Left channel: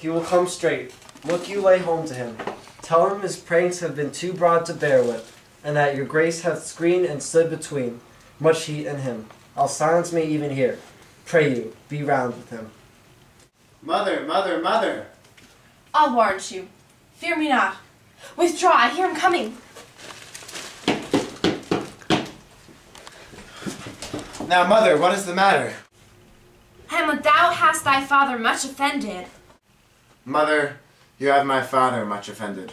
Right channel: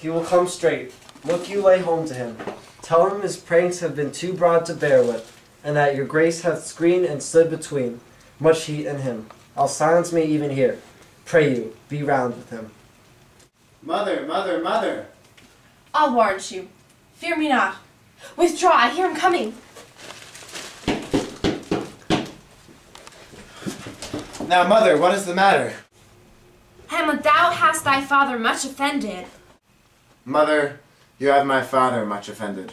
He will come straight. Look you lay home to him. Tell him his pranks have been too broad to bear with, and that your grace hath screened and stood between much heat and him. I'll silence me even here. Pray you, be round with him. Mother, mother, mother! I'll warrant you. Fear me not. Withdraw, I hear him coming. Now, mother, what is the matter? Hamlet, thou hast thy father much offended. Mother, you have my father much offended.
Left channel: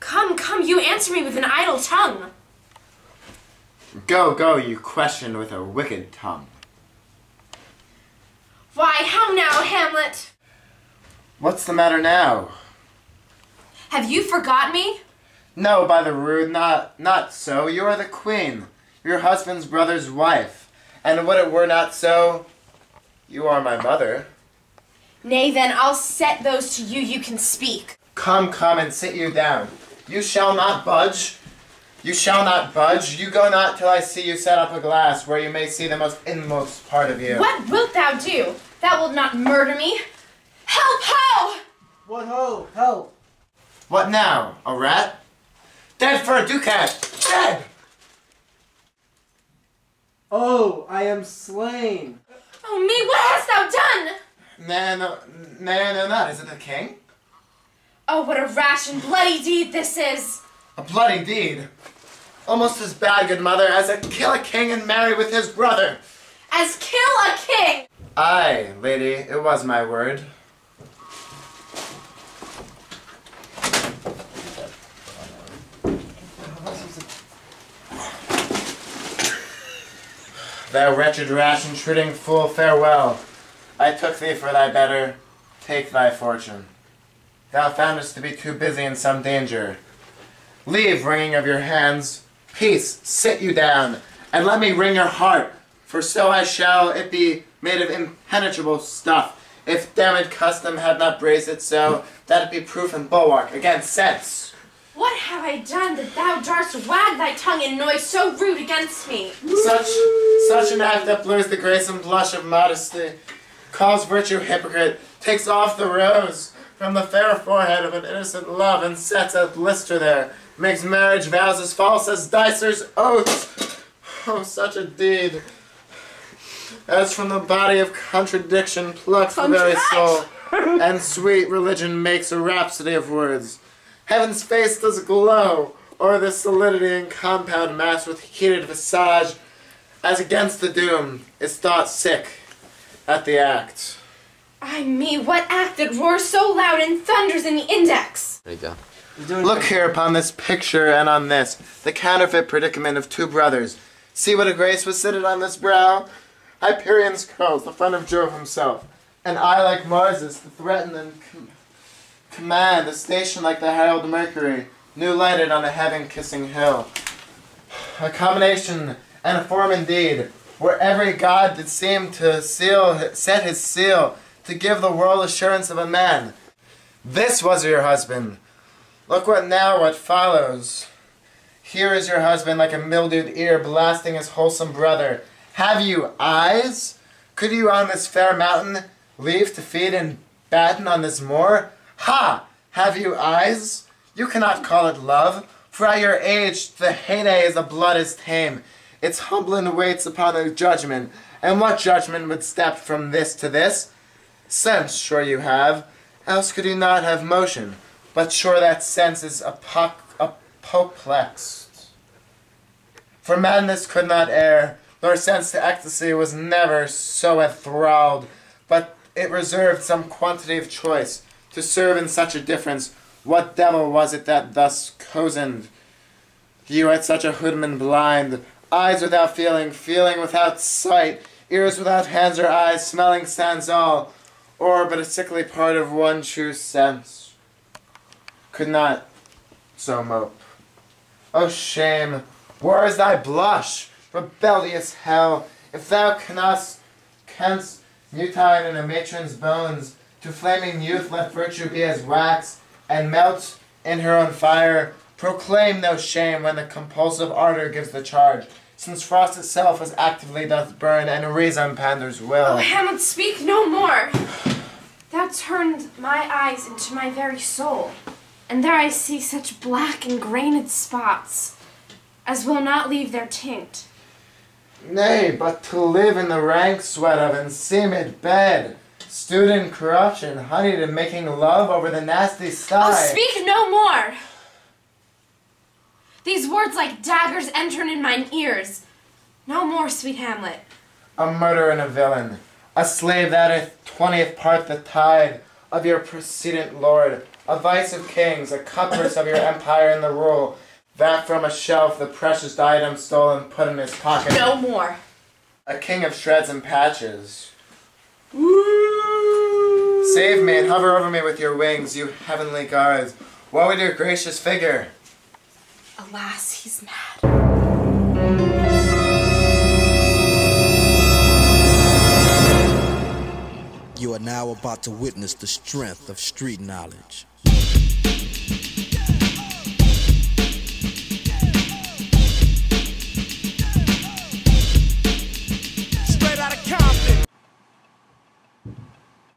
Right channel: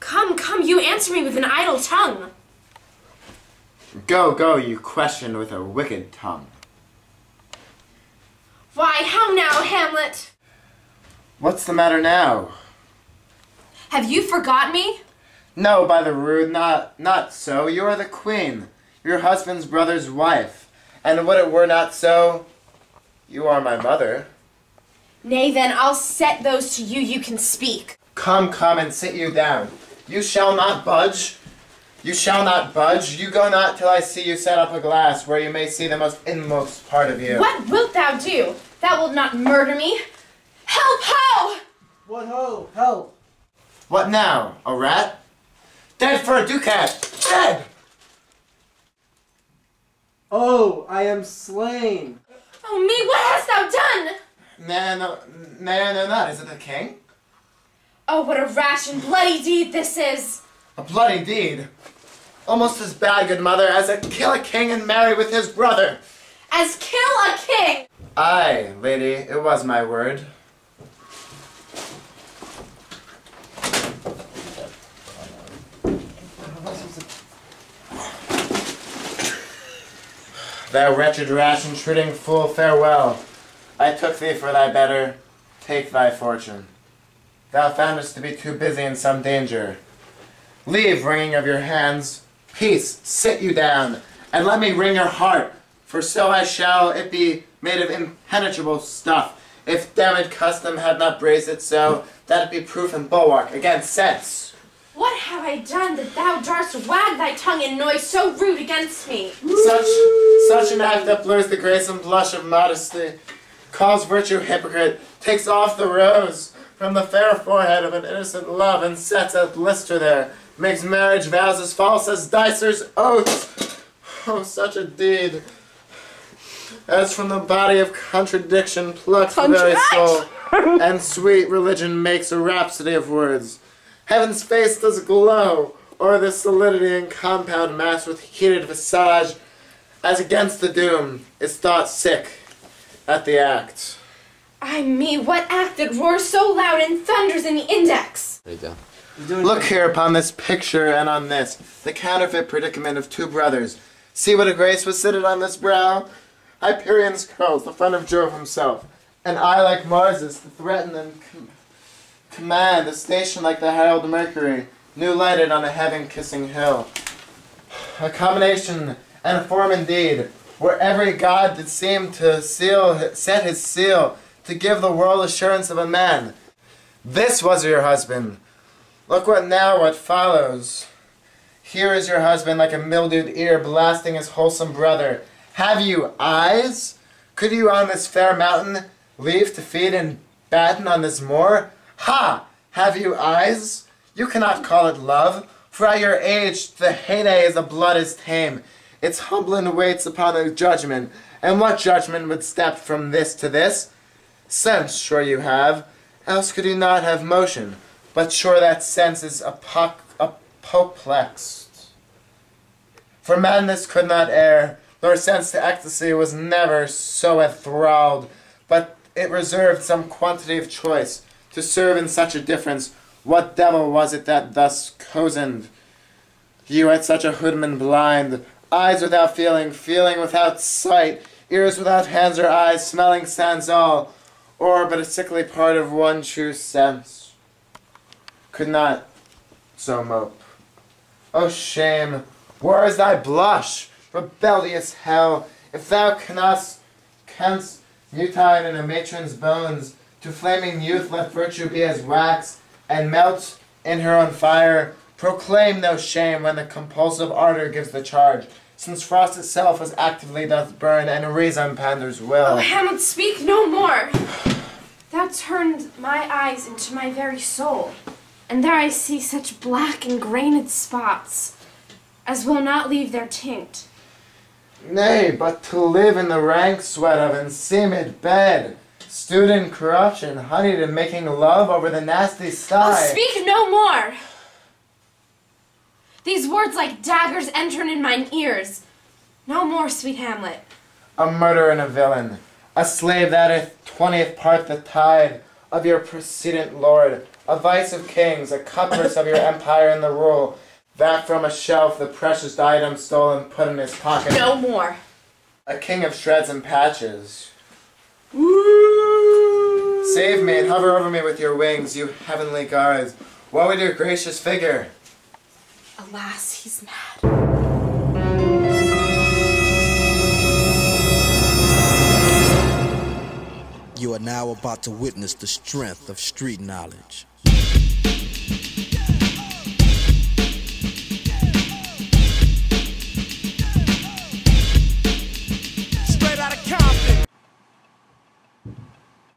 Come, come, you answer me with an idle tongue. Go, go, you question with a wicked tongue. Why, how now, Hamlet? What's the matter now? Have you forgot me? No, by the rood, not so. You are the queen, your husband's brother's wife. And would it were not so, you are my mother. Nay, then, I'll set those to you, you can speak. Come, come, and sit you down. You shall not budge. You shall not budge. You go not till I see you set up a glass where you may see the most inmost part of you. What wilt thou do? Thou wilt not murder me. Help, ho! What ho? Help! What now? A rat? Dead for a ducat! Dead! Oh, I am slain! Oh me, what hast thou done? No, not. Is it the king? Oh, what a rash and bloody deed this is! A bloody deed? Almost as bad, good mother, as to kill a king and marry with his brother. As kill a king! Aye, lady, it was my word. Thou wretched, rash, intruding fool, farewell. I took thee for thy better. Take thy fortune. Thou foundest to be too busy in some danger. Leave wringing of your hands. Peace, sit you down, and let me wring your heart, for so I shall it be made of impenetrable stuff, if damned custom had not braced it so, that it be proof and bulwark against sense. What have I done that thou darst wag thy tongue in noise so rude against me? Such an act that blurs the grace and blush of modesty, calls virtue hypocrite, takes off the rose from the fair forehead of an innocent love, and sets a blister there, makes marriage vows as false as dicer's oaths. Oh, such a deed, as from the body of contradiction plucks the very soul, and sweet religion makes a rhapsody of words. Heaven's face does glow o'er this solidity and compound mass with heated visage, as against the doom is thought sick at the act. Ay me, what act that roars so loud and thunders in the index? There you go. Look here upon this picture and on this, the counterfeit predicament of two brothers. See what a grace was seated on this brow? Hyperion's curls, the friend of Jove himself, an eye like Mars's, to threaten and command, a station like the herald Mercury, new lighted on a heaven-kissing hill. A combination and a form indeed, where every god did seem to set his seal, to give the world assurance of a man. This was your husband. Look what follows. Here is your husband like a mildewed ear blasting his wholesome brother. Have you eyes? Could you on this fair mountain leave to feed and batten on this moor? Ha! Have you eyes? You cannot call it love, for at your age the heyday is the blood is tame. Its humbling waits upon a judgment, and what judgment would step from this to this? Sense, sure you have, else could you not have motion, but sure that sense is apoplexed. For madness could not err, nor sense to ecstasy was never so enthralled, but it reserved some quantity of choice, to serve in such a difference. What devil was it that thus cozened you at such a hoodman blind? Eyes without feeling, feeling without sight, ears without hands or eyes, smelling sans all, or but a sickly part of one true sense, could not so mope. O shame, where is thy blush, rebellious hell, if thou canst mutine in a matron's bones, to flaming youth let virtue be as wax, and melt in her own fire, proclaim no shame when the compulsive ardor gives the charge, since frost itself as actively doth burn, and reason panders will. Oh, Hamlet, speak no more. Thou turned my eyes into my very soul, and there I see such black and grained spots as will not leave their tint. Nay, but to live in the rank sweat of enseamed bed, stewed in corruption, honeyed in making love over the nasty sty. Oh, speak no more! These words like daggers entering in mine ears. No more, sweet Hamlet. A murderer and a villain, a slave that hath 20th part the tide of your precedent lord, a vice of kings, a cutpurse of your empire and the rule, that from a shelf the precious item stole and put in his pocket. No more. A king of shreds and patches. Woo! Save me and hover over me with your wings, you heavenly guards. Woe with your gracious figure. Alas, he's mad. You are now about to witness the strength of street knowledge. Straight out of Compton.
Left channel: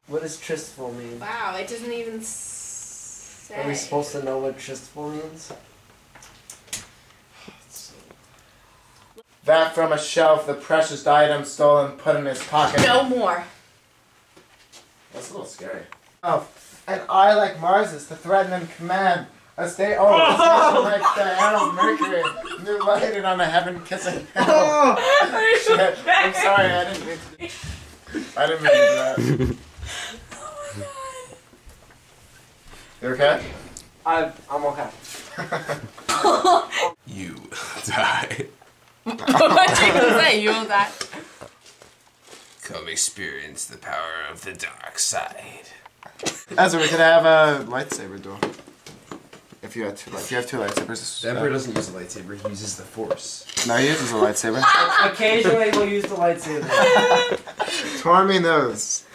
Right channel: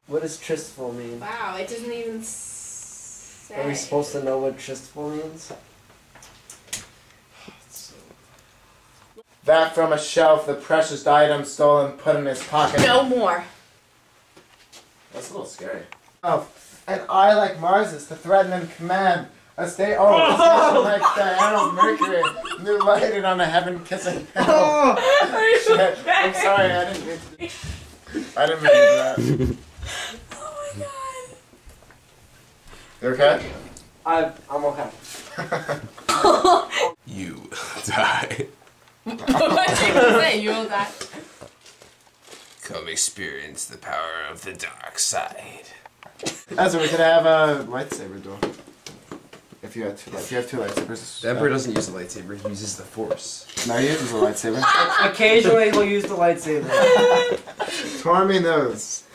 What does tristful mean? Wow, it doesn't even say. Are we supposed to know what tristful means? That from a shelf the precious item stole and put in his pocket. No more. That's a little scary. Oh, and I like Mars to threaten and command. A state like Diana Mercury, new lighted on a heaven-kissing hill. Shit. I'm sorry, I didn't mean to do that. Oh my god. You okay? I'm okay. You die. What did you say? You will die. Come experience the power of the dark side. That's what we could have a lightsaber duel. If you have two lightsabers. The Emperor doesn't use a lightsaber, he uses the Force. No, he uses a lightsaber. Occasionally he'll use the lightsaber. Tormy knows.